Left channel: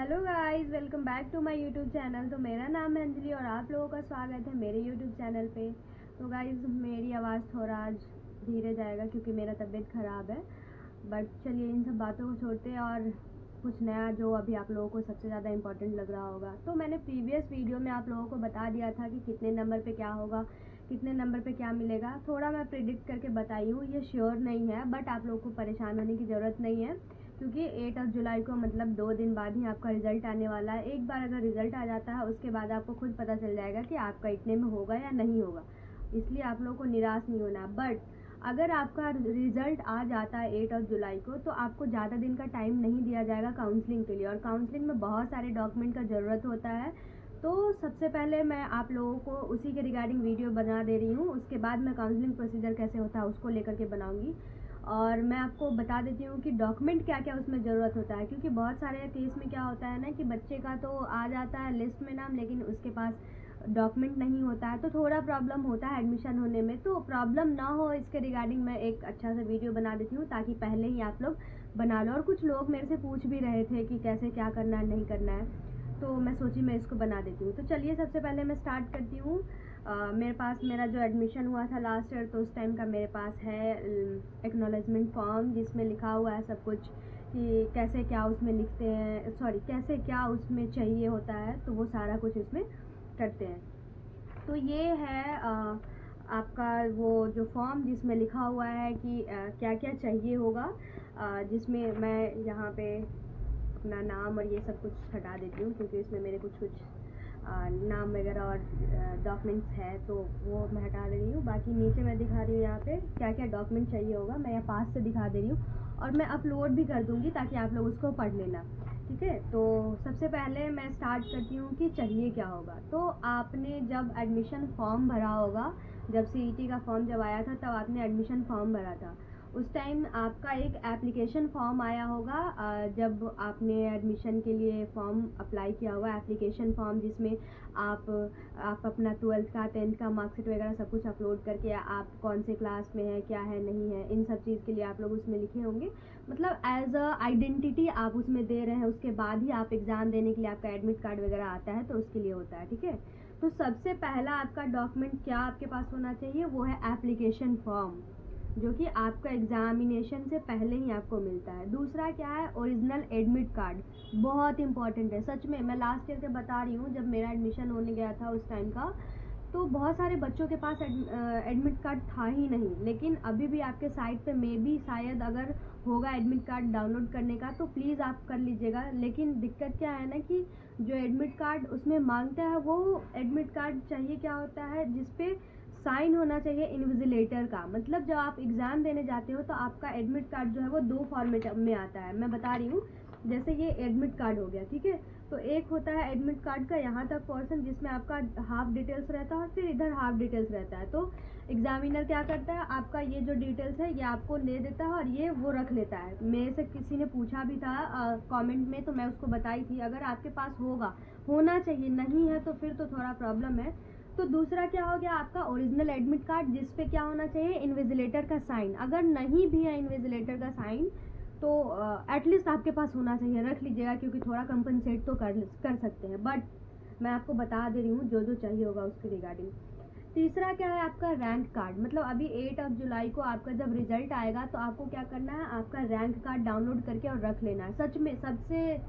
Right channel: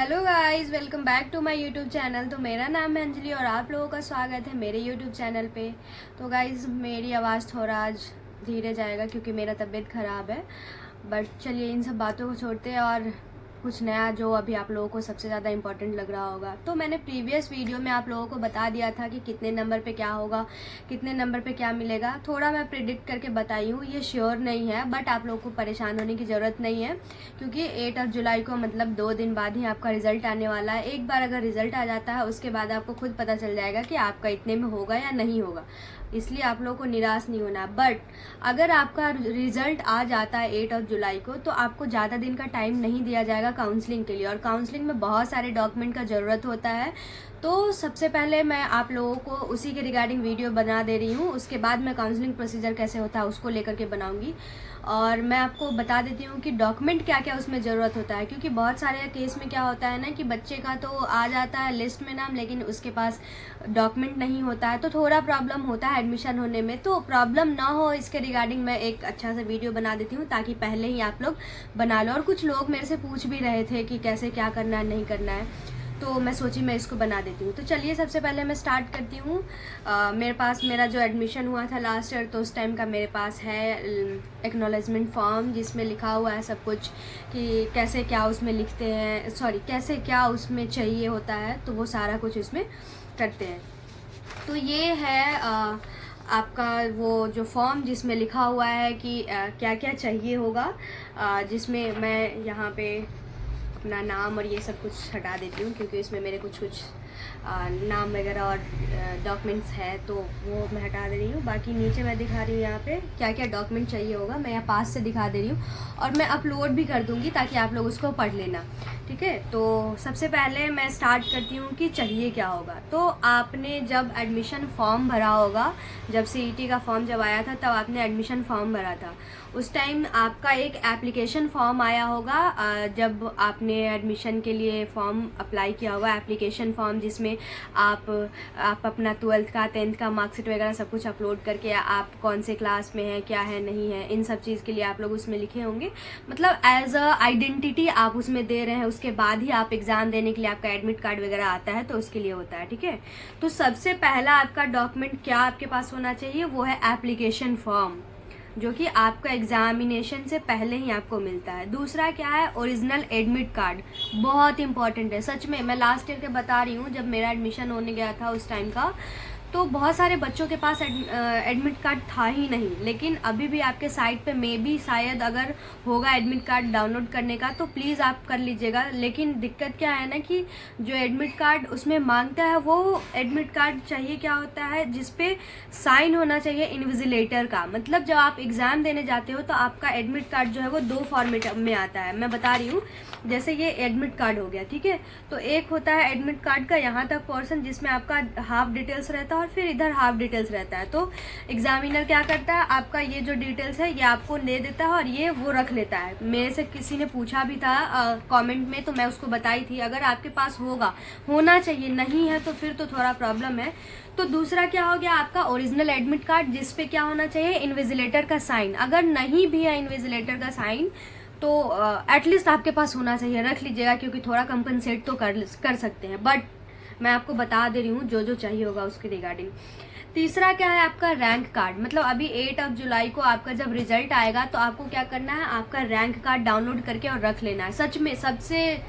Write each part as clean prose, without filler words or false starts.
Hello guys, welcome back to my YouTube channel. तो मेरा नाम है अंजलि और आप लोगों का स्वागत है मेरे यूट्यूब चैनल पे। तो गाइस मेरी आवाज़ थोड़ा आज धीरे जाएगा क्योंकि मेरा तबीयत ख़राब है। बट चलिए इन सब बातों को छोड़ते हैं और कुछ नया जो अभी आप लोगों को सबसे ज़्यादा इम्पोर्टेंट लग रहा होगा। तो मैंने प्रीवियस वीडियो में आप लोगों को बता दिया था कि कितने नंबर पे क्या होगा, कितने नंबर पे क्या मिलेगा। थोड़ा मैं प्रिडिक्ट करके बताई हूँ, ये श्योर नहीं है, बट आप लोगों को परेशान होने की ज़रूरत नहीं है क्योंकि 8 जुलाई को मतलब 2 दिन बाद ही आपका रिज़ल्ट आने वाला है। एक बार अगर रिज़ल्ट आ जाता है उसके बाद आपको खुद पता चल जाएगा कि आपका इतने में होगा या नहीं होगा, इसलिए आप लोगों को निराश नहीं होना। बट अगर आपका रिजल्ट आ जाता है 8 जुलाई को तो आपको ज़्यादा दिन का टाइम नहीं दिया जाएगा काउंसलिंग के लिए, और काउंसलिंग में बहुत सारे डॉक्यूमेंट का ज़रूरत होता है। तो सबसे पहले मैं आप लोगों को उसी के रिगार्डिंग वीडियो बना दे रही हूँ, उसके बाद मैं काउंसलिंग प्रोसीजर कैसे होता है उसको लेकर के बनाऊँगी। और मैं आपको बता देती हूँ कि डॉक्यूमेंट क्या क्या उसमें ज़रूरत होता है, क्योंकि बहुत सारे केस में क्या होता है ना कि बच्चे का तो आ जाता है लिस्ट में नाम, लेकिन उसके पास डॉक्यूमेंट नहीं होता है, तो थोड़ा प्रॉब्लम होता है एडमिशन होने में। तो प्रॉब्लम ना हो इसके रिगार्डिंग मैं एक अच्छा सा वीडियो बना देती हूँ ताकि पहले ही आप लोग बना लो। और कुछ लोग मेरे से पूछ भी रहे थे कि कैसे क्या करना है नहीं करना है, तो मैं सोची मैं इसको बना देती हूँ। तो चलिए सबसे पहले मैं स्टार्ट करती हूँ। मेरे पास मेरा जो एडमिशन हुआ था लास्ट ईयर, तो उस टाइम का मेरे पास है एक्नॉलेजमेंट फॉर्म जिसमें लिखा हुआ है सब कुछ कि कैसे क्या उसमें लिखते हैं, सॉरी कैसे क्या उसमें चाहिए होता है, तो वो सारा कुछ इसमें करते हैं। तो ये है आपका वो जो फॉर्म जिसमें लिखा हुआ है कि क्या क्या चाहिए होगा, जिसमें मैं यहाँ पे अपना नाम और ये सब कुछ हटा देती हूँ क्योंकि इसमें मेरे कुछ नाम वगैरह और डॉक्यूमेंट्स है, तो वो मैं हटा दे रही हूँ। बाकी नीचे मैं दिखा रही हूँ यहाँ पे क्या क्या डॉक्यूमेंट चाहिए होगा, मैं यहाँ पास से दिखा दे रही हूँ और मैं अपलोड भी कर दूँगी ताकि आप लोग उसको पढ़ लेना, ठीक है। तो सबसे पहले मैं स्टार्ट करती हूँ कि चाहिए क्या होगा। तो आपने जब एडमिशन फॉर्म भरा होगा, जब CET का फॉर्म जब आया था तब आपने एडमिशन फॉर्म भरा था, उस टाइम आपका एक एप्लीकेशन फॉर्म आया होगा। जब आपने एडमिशन के लिए फॉर्म अप्लाई किया होगा, एप्लीकेशन फॉर्म जिसमें आप अपना 12th का 10th का मार्कशीट वगैरह सब कुछ अपलोड करके आप कौन से क्लास में है, क्या है, नहीं है, इन सब चीज़ के लिए आप लोग उसमें लिखे होंगे। मतलब एज अ आइडेंटिटी आप उसमें दे रहे हैं, उसके बाद ही आप एग्ज़ाम देने के लिए आपका एडमिट कार्ड वगैरह आता है, तो उसके लिए होता है, ठीक है। तो सबसे पहला आपका डॉक्यूमेंट क्या आपके पास होना चाहिए, वो है एप्लीकेशन फॉर्म, जो कि आपका एग्जामिनेशन से पहले ही आपको मिलता है। दूसरा क्या है, ओरिजिनल एडमिट कार्ड, बहुत इंपॉर्टेंट है सच में। मैं लास्ट ईयर के बता रही हूँ, जब मेरा एडमिशन होने गया था उस टाइम का, तो बहुत सारे बच्चों के पास एडमिट कार्ड था ही नहीं, लेकिन अभी भी आपके साइट पे मे बी शायद अगर होगा एडमिट कार्ड डाउनलोड करने का, तो प्लीज़ आप कर लीजिएगा। लेकिन दिक्कत क्या है ना कि जो एडमिट कार्ड उसमें मांगता है, वो एडमिट कार्ड चाहिए क्या होता है, जिसपे साइन होना चाहिए इन्विजिलेटर का। मतलब जब आप एग्ज़ाम देने जाते हो तो आपका एडमिट कार्ड जो है वो 2 फॉर्मेट में आता है, मैं बता रही हूँ। जैसे ये एडमिट कार्ड हो गया, ठीक है। तो एक होता है एडमिट कार्ड का यहाँ तक पोर्शन जिसमें आपका हाफ डिटेल्स रहता है और फिर इधर हाफ डिटेल्स रहता है। तो एग्जामिनर क्या करता है, आपका ये जो डिटेल्स है ये आपको दे देता है और ये वो रख लेता है। मेरे से किसी ने पूछा भी था कमेंट में, तो मैं उसको बताई थी अगर आपके पास होना चाहिए, नहीं है तो फिर तो थोड़ा प्रॉब्लम है। तो दूसरा क्या हो गया, आपका ओरिजिनल एडमिट कार्ड जिसपे क्या होना चाहिए, इन्विजिलेटर का साइन। अगर नहीं भी है इन्विजिलेटर का साइन तो एटलीस्ट आपके पास होना चाहिए, रख लीजिएगा क्योंकि थोड़ा कंपनसेट तो कर सकते हैं। बट मैं आपको बता दे रही हूँ जो जो चाहिए होगा उसके रिगार्डिंग। तीसरा क्या है, आपका रैंक कार्ड। मतलब अभी 8 जुलाई को आपका जब रिजल्ट आएगा तो आपको क्या करना है, आपका रैंक कार्ड डाउनलोड करके और रख लेना है। सच में सबसे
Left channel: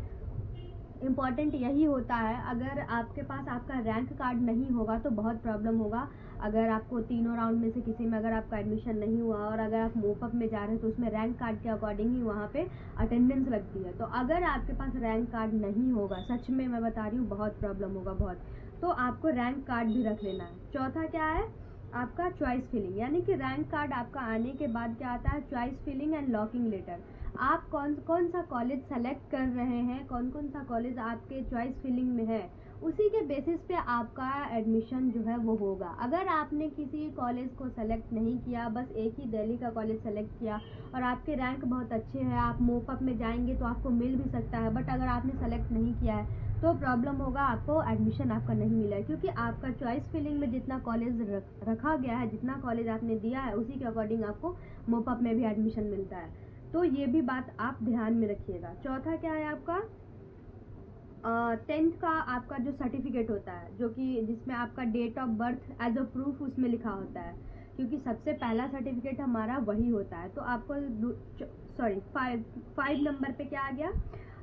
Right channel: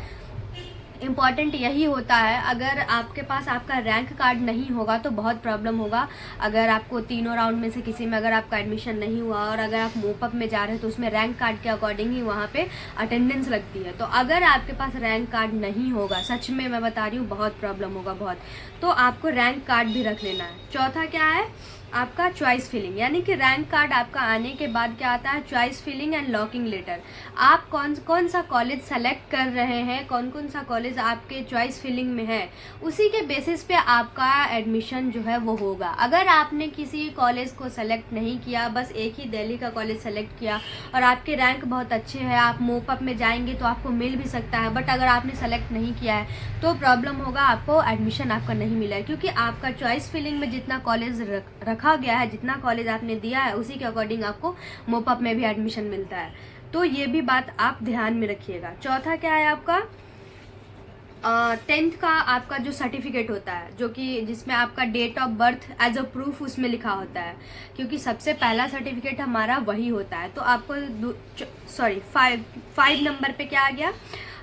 इम्पॉर्टेंट यही होता है। अगर आपके पास आपका रैंक कार्ड नहीं होगा तो बहुत प्रॉब्लम होगा। अगर आपको तीनों राउंड में से किसी में अगर आपका एडमिशन नहीं हुआ और अगर आप मोपअप में जा रहे हैं तो उसमें रैंक कार्ड के अकॉर्डिंग ही वहाँ पे अटेंडेंस लगती है। तो अगर आपके पास रैंक कार्ड नहीं होगा, सच में मैं बता रही हूँ बहुत प्रॉब्लम होगा बहुत, तो आपको रैंक कार्ड भी रख लेना है। चौथा क्या है, आपका चॉइस फिलिंग, यानी कि रैंक कार्ड आपका आने के बाद क्या आता है, choice filling and locking later. आप कौन सा कॉलेज सेलेक्ट कर रहे हैं, कौन सा कॉलेज आपके चॉइस फिलिंग में है, उसी के बेसिस पे आपका एडमिशन जो है वो होगा। अगर आपने किसी कॉलेज को सेलेक्ट नहीं किया, बस एक ही दिल्ली का कॉलेज सेलेक्ट किया और आपके रैंक बहुत अच्छे हैं, आप मोपअप में जाएंगे तो आपको मिल भी सकता है, बट अगर आपने सेलेक्ट नहीं किया है तो प्रॉब्लम होगा, आपको एडमिशन आपका नहीं मिला है, क्योंकि आपका चॉइस फिलिंग में जितना कॉलेज रखा गया है, जितना कॉलेज आपने दिया है, उसी के अकॉर्डिंग आपको मोपअप में भी एडमिशन मिलता है। तो ये भी बात आप ध्यान में रखिएगा। चौथा क्या है आपका, 10th का आपका जो सर्टिफिकेट होता है, जो कि जिसमें आपका date of birth as a proof उसमें लिखा होता है, क्योंकि सबसे पहला सर्टिफिकेट हमारा वही होता है। तो आपको 5 नंबर पे क्या आ गया,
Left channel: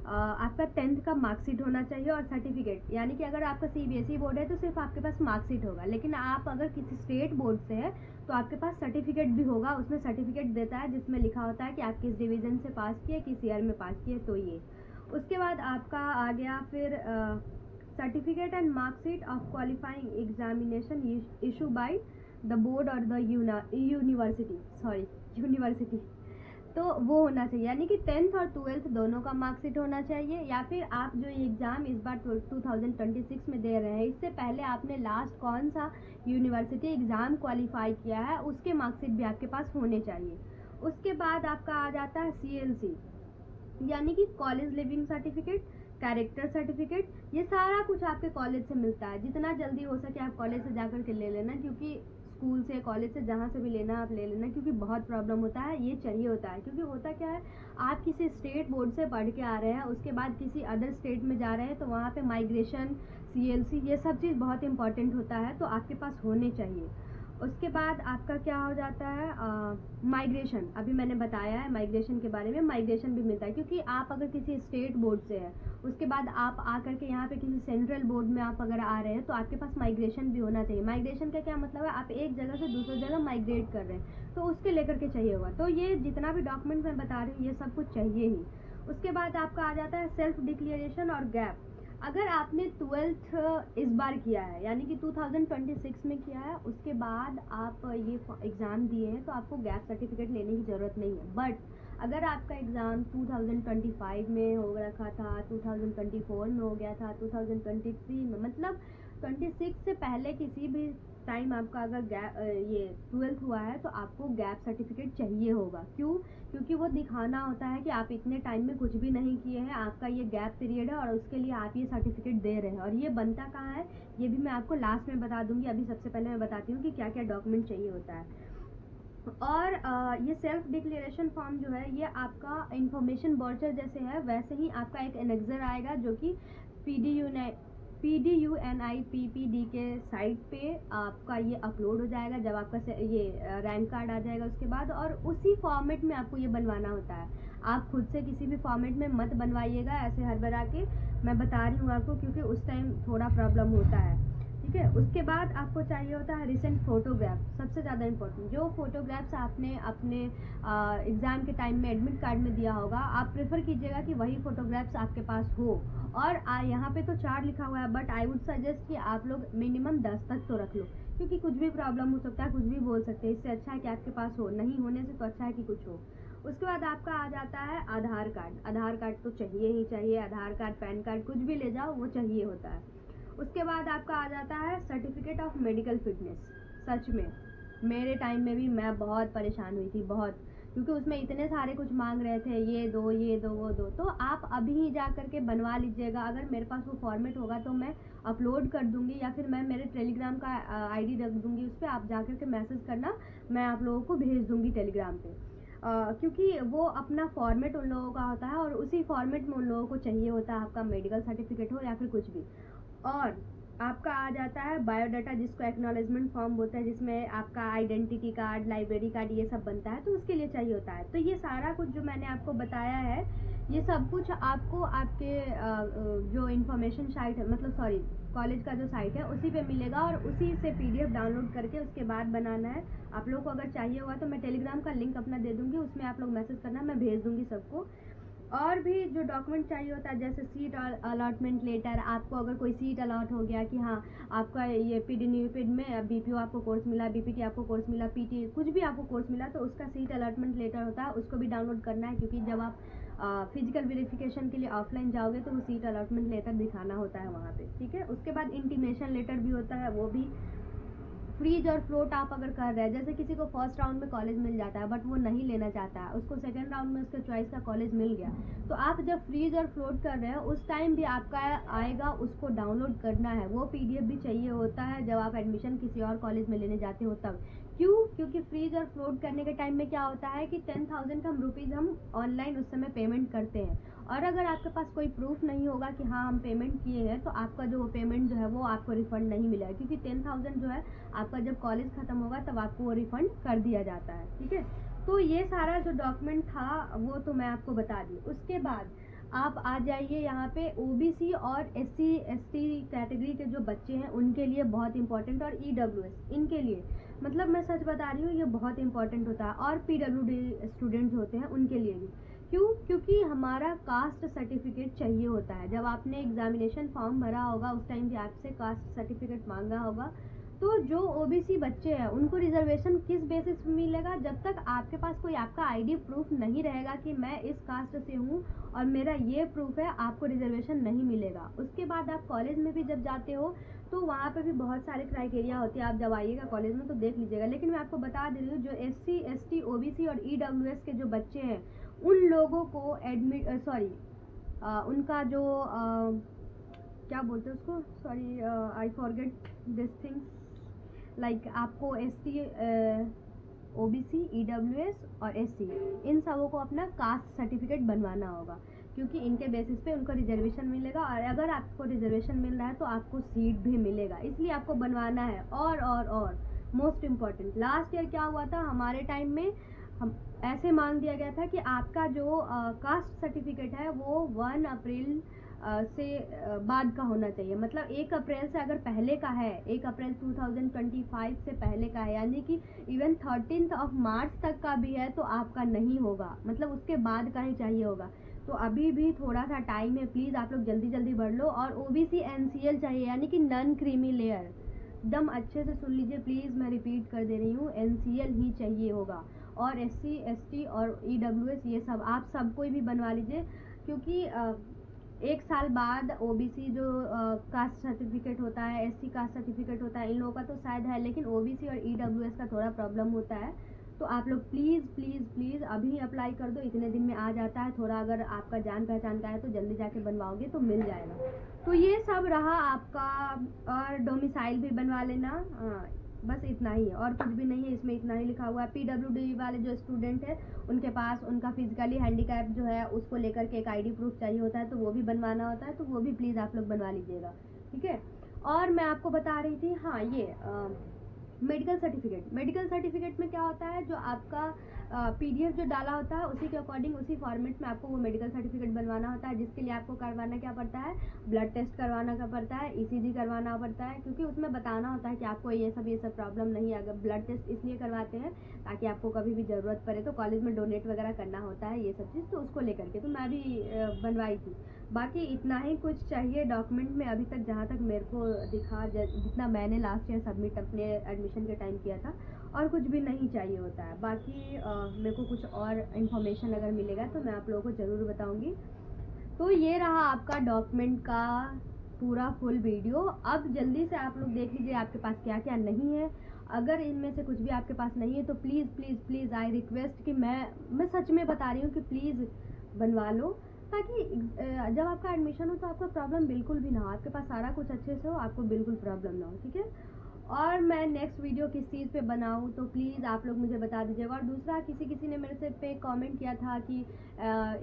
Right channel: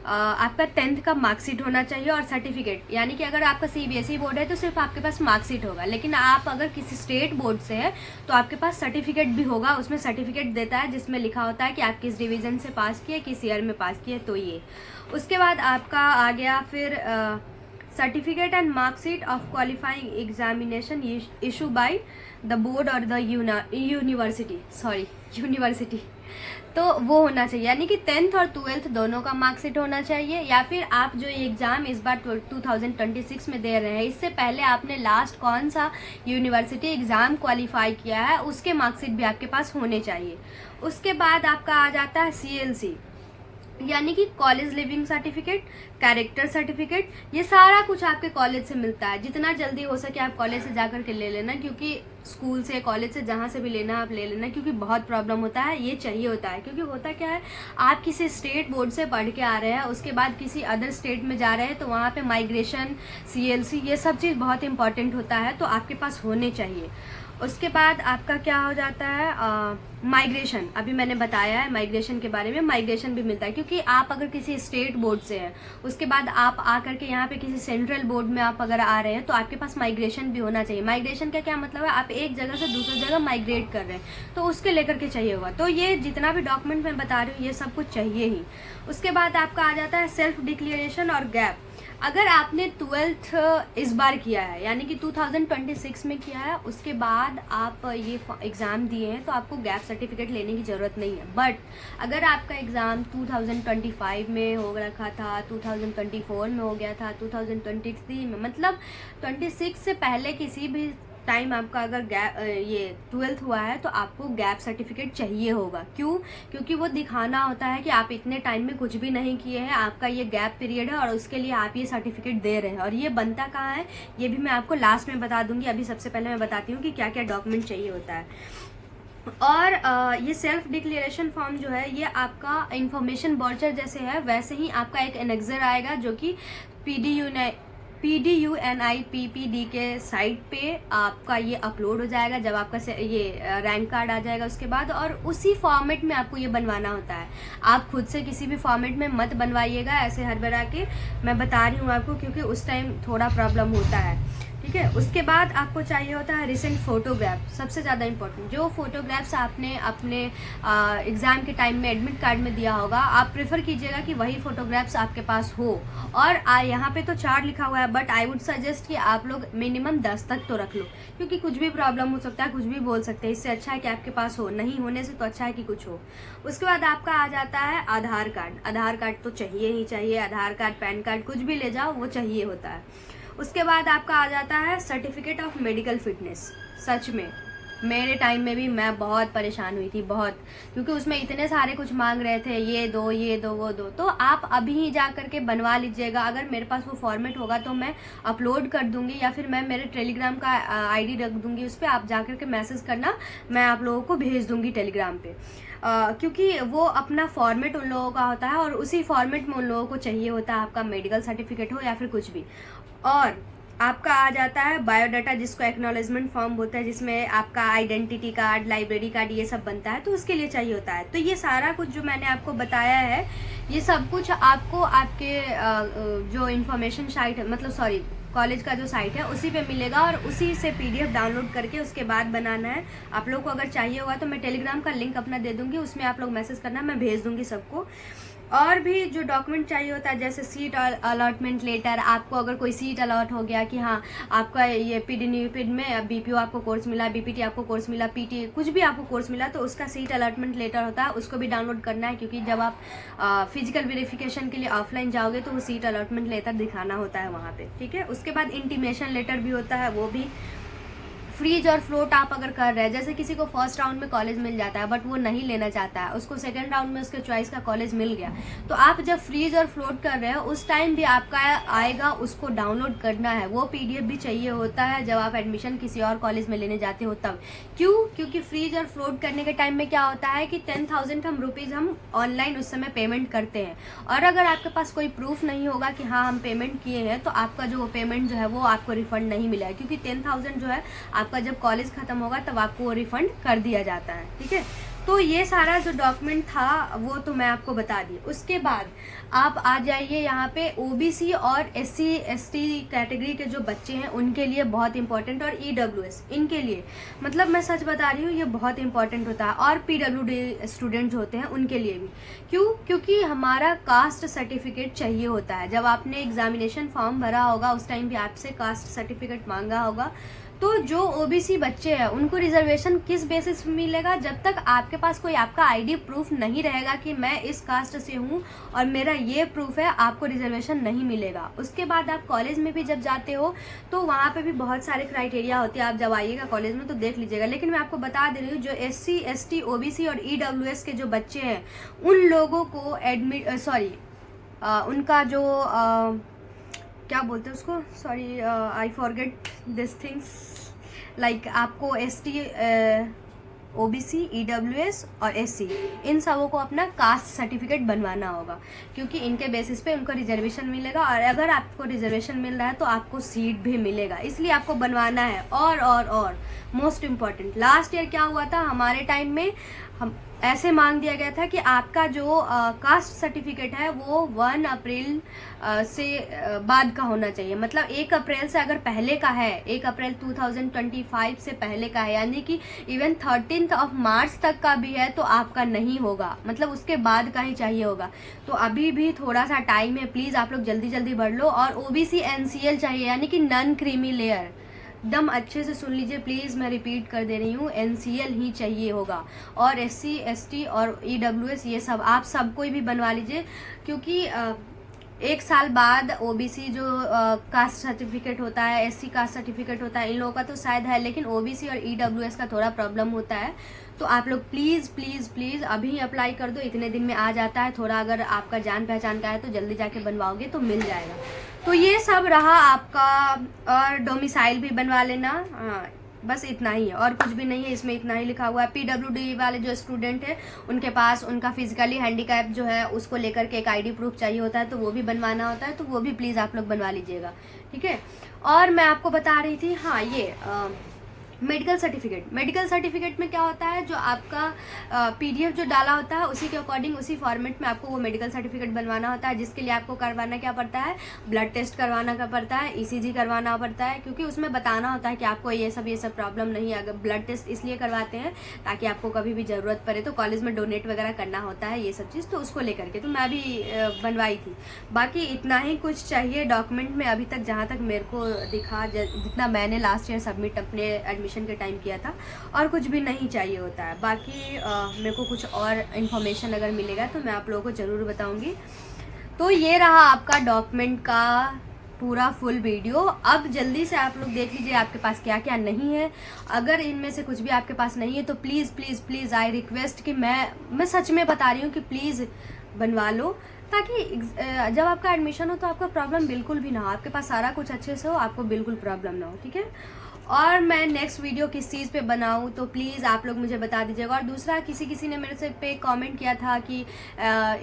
आपका 10th का मार्कशीट होना चाहिए और सर्टिफिकेट। यानी कि अगर आपका CBSE बोर्ड है तो सिर्फ आपके पास मार्कशीट होगा, लेकिन आप अगर किसी स्टेट बोर्ड से है तो आपके पास सर्टिफिकेट भी होगा। उसमें सर्टिफिकेट देता है जिसमें लिखा होता है कि आप किस डिवीज़न से पास किए, किस ईयर में पास किए। तो ये उसके बाद आपका आ गया फिर certificate and marksheet of qualifying examination issue by the board और द यूनिवर्सिटी। तो वो होना चाहिए, यानी कि 10th और 12th दोनों का मार्कशीट होना चाहिए। या फिर आप जो एग्ज़ाम इस बार 2026 में दे रहे हैं, इससे पहले आपने लास्ट कौन सा यूनिवर्सिटी एग्ज़ाम क्वालिफाई किया है उसके मार्कशीट भी आपके पास होने चाहिए। उसके बाद आपका आ जाता है CLC, यानी कि college leaving certificate, character certificate. ये सारा कुछ आपके कॉलेज से मिलता है। जितना जल्दी हो सके आप कॉलेज से जाकर के ले लेना, क्योंकि स्कूल से, कॉलेज से, जहाँ से भी लेना आप ले लेना, क्योंकि बहुत प्रॉब्लम होता है। ये चाहिए होता है, क्योंकि होता क्या है, आप किसी स्टेट बोर्ड से पढ़ के आ रहे हैं, उसके बाद किसी अदर स्टेट में जा रहे हैं, तो वहाँ पे माइग्रेशन, CLC, ये सब चीज़ बहुत इंपॉर्टेंट होता है, तो आपके पास होने चाहिए। उसके बाद आपका क्या हो जाता है, माइग्रेशन। अभी मैंने बताया है माइग्रेशन के बारे में। माइग्रेशन भी मिलता है, क्योंकि आप अगर किसी स्टेट बोर्ड से हैं, उसके बाद आप आकर के यहाँ पे किसी सेंट्रल बोर्ड में आप अगर आ रहे हैं, तो आपके पास माइग्रेशन भी होना चाहिए। माइग्रेशन का क्या मतलब है, आप एक जगह से दूसरी जगह माइग्रेट कर रहे हैं, तो उसके लेकर के चाहिए होगा। तो ये जितना भी डॉक्यूमेंट मैं बता रही हूँ ये सब कुछ चाहिए ही। उसके बाद आपका आ जाता है सेल्फ डिक्लेरेशन और गैप। अगर आपने 12th इस बार किया है, यानी कि 2026 में किया है, उसके बाद आप ये एग्ज़ाम दिए हैं, तो आपको गैप सर्टिफिकेट लेने की ज़रूरत नहीं है। बट अगर आपका एग्ज़ाम 2025 में हो रखा था, 2024 में हो गया था, 2023 में, मतलब 26 से पहले किसी भी टाइम आपका अगर ये 12th हुआ है, तो आपको गैप सर्टिफिकेट चाहिए होगा। क्यों? क्योंकि वो दिखाना होता है कि आप इतने टाइम में कुछ भी नहीं किए हैं, आपका ये गैप पीरियड है और उसके लिए आप ये सर्टिफिकेट दे रहे हैं। और ये बनता कहाँ है, ये भी मैं आपको लास्ट में बता दूंगी। अभी सबसे पहले मैं बताती हूँ कि क्या क्या डॉक्यूमेंट चाहिए होता है। और ये सेल्फ डिक्लेरेशन फॉर्म जो है, ये आपका इंफॉर्मेशन वाउचर जैसे है, वैसे ही आपका एक एनेक्सर आएगा, जो कि PDUNIPPD के साइट पे आपका ये अपलोड हो जाएगा जब आपका ये रैंक कार्ड आ जाएगा उसके बाद। और उसी फॉर्मेट में आपको ये बनवाना होता है। आप खुद से किसी भी फॉर्मेट में मत बनवाइएगा ऐसे हड़बड़ा के, मैं बता रही हूँ आपको, क्योंकि उस टाइम थोड़ा प्रॉब्लम होता है। ठीक है। उसके बाद आपको चाहिए होता है रिसेंट फोटोग्राफ, सबसे ज़्यादा इंपॉर्टेंट। जो फोटोग्राफ्स आपने अपने एग्ज़ाम के टाइम में एडमिट कार्ड में दिया होगा, आप प्रेफर कीजिएगा कि वही फोटोग्राफ्स आपके पास हो। और यहाँ पे तो 4 लिखा हुआ है, बट आई वुड सजेस्ट कि आप लोग मिनिमम 10 तक तो रख लो, क्योंकि कुछ भी प्रॉब्लम हो सकता है, कुछ भी बोल सकते हैं। इससे अच्छा है कि आपके पास हो, नहीं होने से तो अच्छा है कि कुछ हो। उसके बाद आपका आ जाता है आधार कार्ड। आधार कार्ड तो चाहिए ही चाहिए, आधार कार्ड, पैन कार्ड, कुछ भी ले जाओ वो चाहिए होता है। उसके बाद आपका आ जाता है सर्टिफिकेट ऑफ मेडिकल फिटनेस। सच में मेरे टाइम में भी मैं बहुत परेशान हुई थी, बहुत, क्योंकि उसमें इतने सारे कुछ मांग रहे थे, ये दो वो दो। तो आप अभी ही जा करके बनवा लीजिएगा। अगर मेरे पास वो फॉर्मेट होगा तो मैं अपलोड कर दूंगी, या फिर मैं मेरे टेलीग्राम का ID रख दूंगी, उस पर आप जा करके मैसेज करना, मैं आप लोगों को भेज दूंगी टेलीग्राम पे। क्योंकि वो अपना फॉर्मेट उन लोगों का होता है, और उसी फॉर्मेट में उन लोगों को चाहिए होता है आपका मेडिकल सर्टिफिकेट हो या फिर कुछ भी। और आपका आ जाता है बायोडाटा, जिसको एक्नॉलेजमेंट फॉर्म बोलते हैं, जिसमें आपका आइडेंटिटी कार्ड, लाइब्रेरी कार्ड, ये सब बनता है, तो उसके लिए चाहिए होता है। तो ये सारा कुछ जो मैंने आपको बताया है, ये सब कुछ आपको आपके जो इंफॉर्मेशन साइट है, मतलब सॉरी कॉलेज का जो साइट है उसी पे मिलेगा, और उसी से PDF डाउनलोड करके उसके बाद बनाना है। आप लोग को अगर चाहिए होगा तो मैं टेलीग्राम का लिंक अपना दे दूंगी, उसमें आप लोग मैसेज करना, मैं भेज दूंगी सबको। और भी जो डॉक्यूमेंट चाहिए होता है, जैसे सीट अलॉटमेंट लेटर, आपको अगर कोई सीट अलॉट हो गया कि हाँ आपका ये PDNUPID में BPO आपको कोर्स मिला, BPT आपको कोर्स मिला, PT कुछ भी आपको कोर्स मिला, तो उसका सीट अलॉटमेंट लेटर होता है, उसको भी डाउनलोड करना है। क्योंकि जब आप फिजिकल वेरिफिकेशन के लिए ऑफलाइन जाओगे तो वो सीट अलॉटमेंट लेटर दिखाना होता है वहाँ पे। ठीक है। उसके बाद इंटीमेशन लेटर भी होता है, वो भी फ्रीज और फ्लोट आप अगर कर रहे हैं, जैसे किसी को फर्स्ट राउंड में कॉलेज मिल जाता है बट वो नहीं लेना चाहता है, उसको सेकंड राउंड में उसके चॉइस का कॉलेज मिल गया, तो आप जब फ्रीज और फ्लोट कर रहे हो उस टाइम भी आपका आएगा, उसको डाउनलोड करना है, वो PDF भी चाहिए होता है जब आप एडमिशन किसी और कॉलेज में लेने जाते हो तब। क्यों? क्योंकि फ्रीज और फ्लोट करने के टाइम में क्या होता है कि 10,000 रुपीज़ हम ऑनलाइन उस समय पेमेंट करते हैं, और अगर आपके पास कोई प्रूफ नहीं होगा कि हाँ हम पेमेंट किए हैं, तो आपका जो पेमेंट जो है वो आपको रिफंड नहीं मिलेगा, क्योंकि 10,000 जो है आपका जब कॉलेज खत्म होगा तब आपको वो रिफंड कर दिया जाता है। ठीक है, तो ये सारा जो डॉक्यूमेंट था वो तो मैं आपको बता दी। उसके बाद आप आ जाइए यहाँ पे OBC और SC ST कैटेगरी के जो बच्चे हैं उनके लिए बहुत इंपॉर्टेंट, और EWS इनके लिए, मतलब मैं सच बता रही हूँ ये बहुत इंपॉर्टेंट होता है, और PWD स्टूडेंट जो होते हैं उनके लिए भी। क्यों? क्योंकि हमारा कास्ट सर्टिफिकेट चाहिए होता है। जब आपने एग्जामिनेशन फॉर्म भरा होगा उस टाइम भी आपसे कास्ट सर्टिफिकेट मांगा होगा, तो जो OBC बच्चे हैं उनको रिजर्वेशन किस बेसिस पे मिलेगा? जब तक आपके पास कोई आपका ID प्रूफ नहीं रहेगा कि मैं इस कास्ट से हूँ और मेरा ये प्रूफ है, आपको रिजर्वेशन नहीं मिलेगा। उसके बाद आप कॉलेज में भी जब जाते हो तो वहाँ पे भी बहुत सारे क्राइटेरिया होते हैं, आप जब आइएगा कॉलेज में तो देख लीजिएगा। लेकिन मैं आपको बता दे रही हूँ जो SC ST OBC और EWS के जो बच्चे हैं उन लोगों को उनका जो क्या बोलते हैं उसको, sorry I forget this things, like आपको ST OBC EWS और SC इन सबों को अपना कास्ट सर्टिफिकेट बनवाना होगा, क्योंकि इनके बेसिस पे उनको रिजर्वेशन मिलेगा, और अगर आपको रिजर्वेशन मिल रहा है तो आपको सीट भी मिलेगा, इसलिए आपको बनवाना है। और मोस्ट इम्पॉर्टेंट, लास्ट ईयर क्या हुआ था हमारे टाइम में, हम ऐसे मांग दिया गया था कि आपका जो कास्ट सर्टिफिकेट है वो 1 अप्रैल से बाद का होना चाहिए, मतलब 1 अप्रैल से अगर पहले का है, 1 अप्रैल 2025 से पहले का है, यानी कि इवन 13 मार्च तक का भी है तो आपका नहीं होगा, मतलब उसके बाद का ही चाहिए होगा। तो अभी भी थोड़ा सा टाइम है, प्लीज़ आप लोग जल्दी जल्दी भर लो। और OBC NCL चाहिए, यानी कि नॉन क्रीमी लेयर, एकदम अच्छे से सुन लीजिए प्लीज़, मैं रिपीट कर दे रही हूँ, NCL ही चाहिए होगा। और SC ST और EWS ये सब आप सब कोई भी बनवा लीजिए, क्योंकि 1 साल बाद OBC जो कास्ट सर्टिफिकेट होता है, SC कास्ट सर्टिफिकेट होता है, इन लोगों का तो शायद है, लेकिन OBC और EWS का थोड़ा प्रॉब्लम होता है। तो आप लोग प्लीज़ प्लीज़ प्लीज़ अभी अप्लाई कर दो, इतने दिन में आ जाता है। थोड़ा अगर आपका जान पहचान का है तो जल्दी जाके बनवाओगे तो मिल जाएगा। तो ये सब रहा आपका, और डोमिसाइल भी बनवा लेना, हाँ बस इतना ही है और कुछ भी नहीं है इसमें, इतना ही लिखा हुआ है। PWD वाले जो स्टूडेंट है उनके पास उनका फिजिकली हैंडीकैप जो है उसको लेकर के एक ID प्रूफ चाहिए होता है, तो वो भी बनवाना होता है, तो वो भी प्लीज़ आप लोग बनवा लीजिएगा। ठीक है, और मैं आपको बता रही थी, हाँ ये मेडिकल सर्टिफिकेट में क्या होता है, जो आपका PDF जो डाला होता है उसी के अकॉर्डिंग, उसी फॉर्मेट में आपको वो मेडिकल सर्टिफिकेट बनवाना होता है, जिसके लिए आपको करवाना क्या पड़ता है, ब्लड टेस्ट करवाना क्या पड़ता है, ECG करवाना पड़ता है, क्योंकि उसमें बताना होता है कि आपको ये सब प्रॉब्लम नहीं है। अगर ब्लड टेस्ट इसलिए करवाते हैं ताकि आपको कभी भी ज़रूरत पड़े तो कॉलेज में डोनेट वगैरह करना होता है, ये सब चीज़, तो उसको लेकर के तो मैं भी बनवाई थी। बाकी इतना ही कुछ चाहिए डॉक्यूमेंट में अभी तक, जहाँ तक मेरे को दिखा, जितना मैंने लास्ट ईयर सबमिट अपने एडमिशन के टाइम किया था, और कुछ भी नहीं चाहिए होता है। बाकी मेरे को कुछ और इन्फॉर्मेशन अगर मिलेगा तो मैं आप लोगों को ज़रूर बताऊंगी। तो ये रहा आपका डॉक्यूमेंट का पूरा फुल वीडियो। अब जल्दी से आप लोग देख लीजिए आपके पास क्या क्या नहीं है। अगर इनमें से कुछ भी आपके पास नहीं है तो please please please I request कि मैं सच में बता रही हूँ कि प्लीज़ बनवा लो, ताकि जब आपका एडमिशन हो तो आपका प्रॉब्लम बिल्कुल भी ना हो, आपके पास सारा कुछ अच्छे से हो, आपको बिल्कुल प्रॉब्लम ना हो। ठीक है, और मैं नेक्स्ट वीडियो किस चीज़ पे बनाऊँ तो प्लीज़ आप लोग मुझे बता दीजिएगा। और दूसरा, किसी ने मेरे से पे कमेंट किया था कि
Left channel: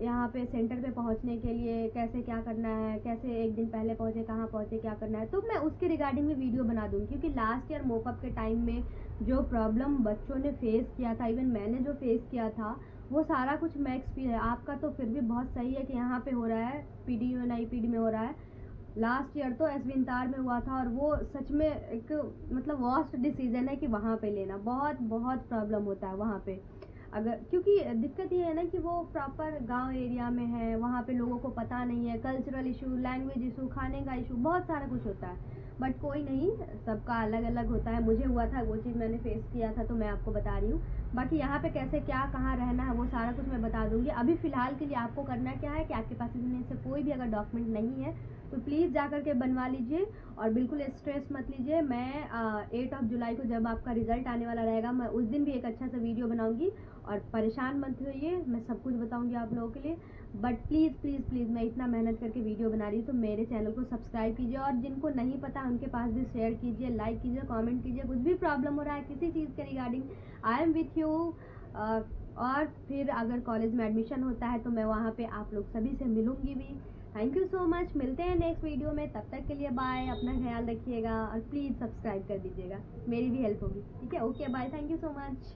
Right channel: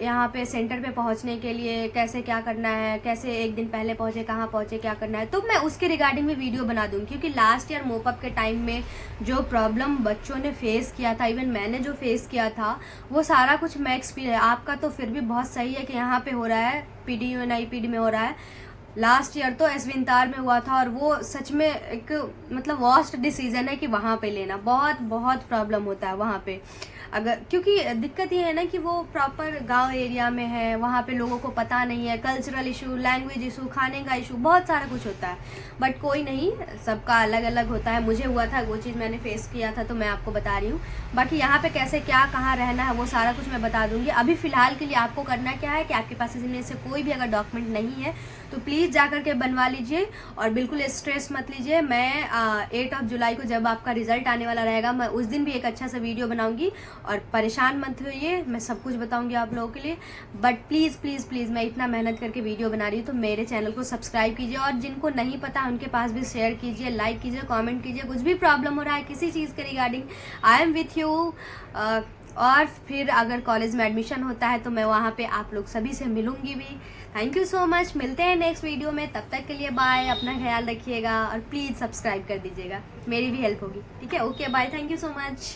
यहाँ पे सेंटर पे पहुँचने के लिए कैसे क्या करना है, कैसे एक दिन पहले पहुँचे, कहाँ पहुँचे, क्या करना है, तो मैं उसके रिगार्डिंग में वीडियो बना दूँगी। क्योंकि लास्ट ईयर मोपअप के टाइम में जो प्रॉब्लम बच्चों ने फेस किया था, इवन मैंने जो फेस किया था, वो सारा कुछ मैं एक्सपीरियंस, आपका तो फिर भी बहुत सही है कि यहाँ पर हो रहा है, PDUNIPD में हो रहा है, लास्ट ईयर तो एसविंतार में हुआ था, और वो सच में एक मतलब वर्स्ट डिसीजन है कि वहाँ पे लेना बहुत बहुत प्रॉब्लम होता है वहाँ पे। अगर क्योंकि दिक्कत ये है ना कि वो प्रॉपर गांव एरिया में है, वहाँ पे लोगों को पता नहीं है, कल्चरल इशू, लैंग्वेज इशू, खाने का इशू, बहुत सारा कुछ होता है। बट कोई नहीं, सबका अलग अलग होता है। मुझे हुआ था, वो चीज़ मैंने फेस किया था, तो मैं आपको बता रही हूँ। बाकी यहाँ पे कैसे क्या कहाँ रहना है वो सारा कुछ मैं बता दूँगी। अभी फ़िलहाल के लिए आपको करना क्या है कि आपके पास इनमें से कोई भी अगर डॉक्यूमेंट नहीं है तो प्लीज़ जा कर के बनवा लीजिए और बिल्कुल स्ट्रेस मत लीजिए। मैं 8 जुलाई को जब आपका रिजल्ट आने वाला रहेगा, मैं उस दिन भी एक अच्छा सा वीडियो बनाऊंगी और परेशान मत होइए, मैं सब कुछ बताऊंगी आप लोगों के लिए। बट प्लीज़ प्लीज़ प्लीज़, मैं इतना मेहनत करके वीडियो बना रही हूँ तो मेरे चैनल को सब्सक्राइब कीजिए, और जिनको नहीं पता उनके पास भी शेयर कीजिए, लाइक कीजिए, कॉमेंट कीजिए। कुछ भी प्रॉब्लम हो रहा है किसी चीज़ के regarding, I am with you. और फिर अगर कॉलेज में एडमिशन होता है तो मैं वहाँ पे आप लोग सभी से मिलूंगी भी। थैंक यू सो मच, मिलते हैं नेक्स्ट वीडियो में, तब तक के लिए बाय, अपना ख्याल रखिएगा और प्लीज़ सब्सक्राइब कर दीजिएगा, मेरी भी हेल्प होगी। ठीक है, okay bye, thank you so much.